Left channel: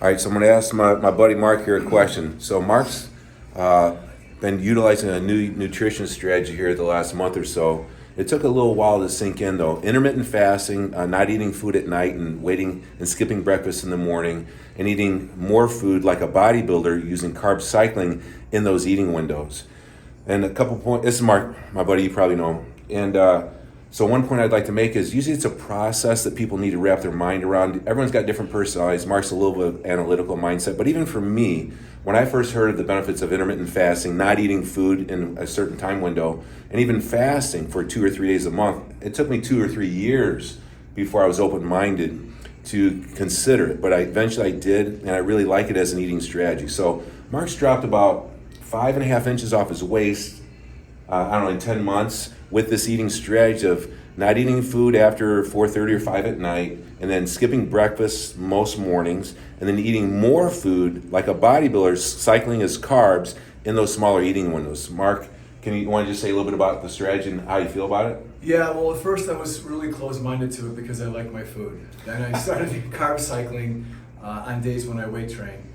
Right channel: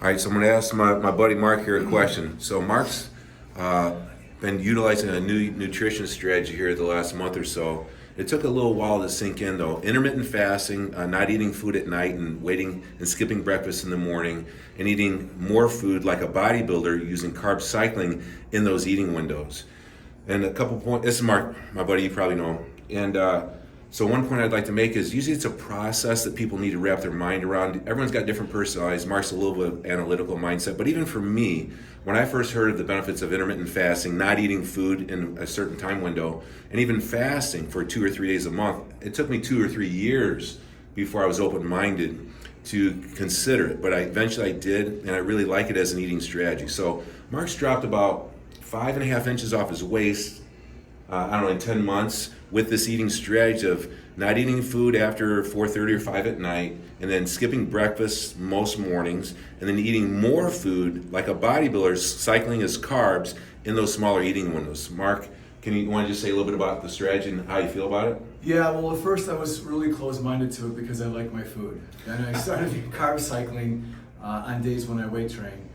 All right, so I'm going to ask my buddy Mark here a question. So Mark's been utilizing a new nutrition strategy here the last month or so. It took a little while to sink in though. Intermittent fasting, not eating food at night and waiting and skipping breakfast in the morning, and eating more food like a bodybuilder using carb cycling in those eating windows. And a couple points, this is Mark, my buddy, you probably know him. And so one point I'd like to make is usually it's a process that people need to wrap their mind around. Everyone's got different personalities. Mark's a little bit of analytical mindset, but even for me, when I first heard of the benefits of intermittent fasting, not eating food in a certain time window, and even fasting for 2 or 3 days a month, it took me 2 or 3 years before I was open-minded to consider it. But eventually I did, and I really like it as an eating strategy. So Mark's dropped about 5.5 inches off his waist, I don't know, in 10 months with this eating strategy of not eating food after 4:30 or 5 at night, and then skipping breakfast most mornings, and then eating more food like a bodybuilder, cycling his carbs in those smaller eating windows. Mark, you want to just say a little bit about the strategy and how you feel about it? Yeah, well, at first I was really close-minded to it because I like my food. Then I started carb cycling on days when I weight train.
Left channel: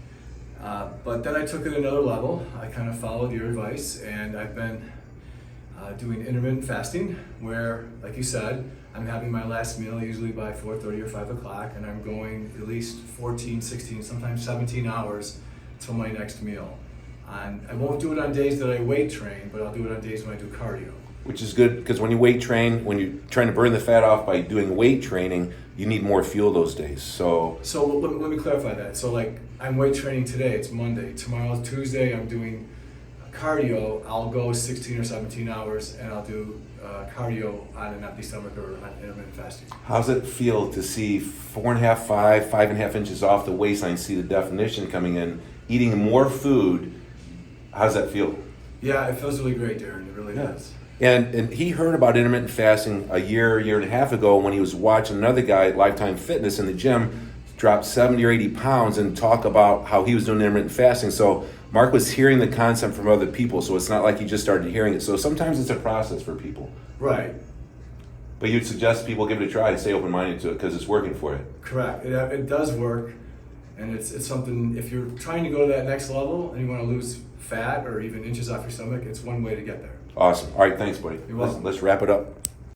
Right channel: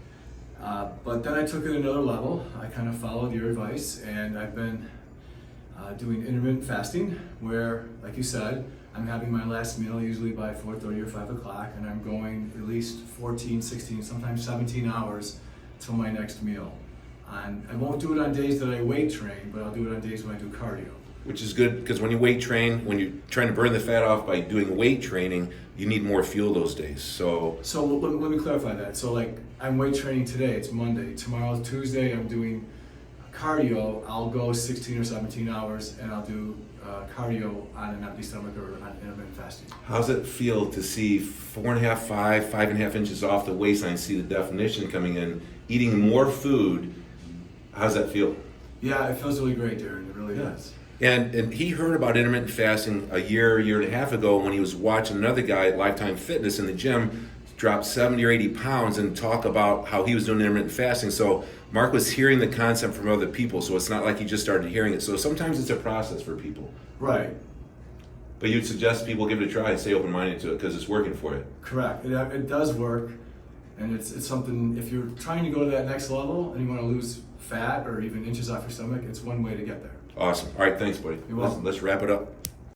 But then I took it another level. I kind of followed your advice, and I've been doing intermittent fasting, where, like you said, I'm having my last meal usually by 4:30 or 5 o'clock, and I'm going at least 14, 16, sometimes 17 hours till my next meal. And I won't do it on days that I weight train, but I'll do it on days when I do cardio. Which is good, because when you weight train, when you're trying to burn the fat off by doing weight training, you need more fuel those days. So let me clarify that. So like, I'm weight training today, it's Monday. Tomorrow, Tuesday, I'm doing cardio. I'll go 16 or 17 hours, and I'll do cardio on an empty stomach or on intermittent fasting. how's it feel to see 4.5, 5.5 inches off the waistline, see the definition coming in, eating more food? How's that feel? Yeah, it feels really great, Darin. It really does. And he heard about intermittent fasting a year and a half ago when he was watching another guy at Lifetime Fitness in the gym drop 70 or 80 pounds and talk about how he was doing intermittent fasting. So Mark was hearing the concept from other people, so it's not like he just started hearing it. So sometimes it's a process for people. Right. But you'd suggest people give it a try and stay open-minded to it because it's working for you. Correct. It does work, and it's something, if you're trying to go to that next level and you want to lose fat or even inches off your stomach, it's one way to get there. Awesome. All right, thanks, buddy. You're welcome. Let's wrap it up.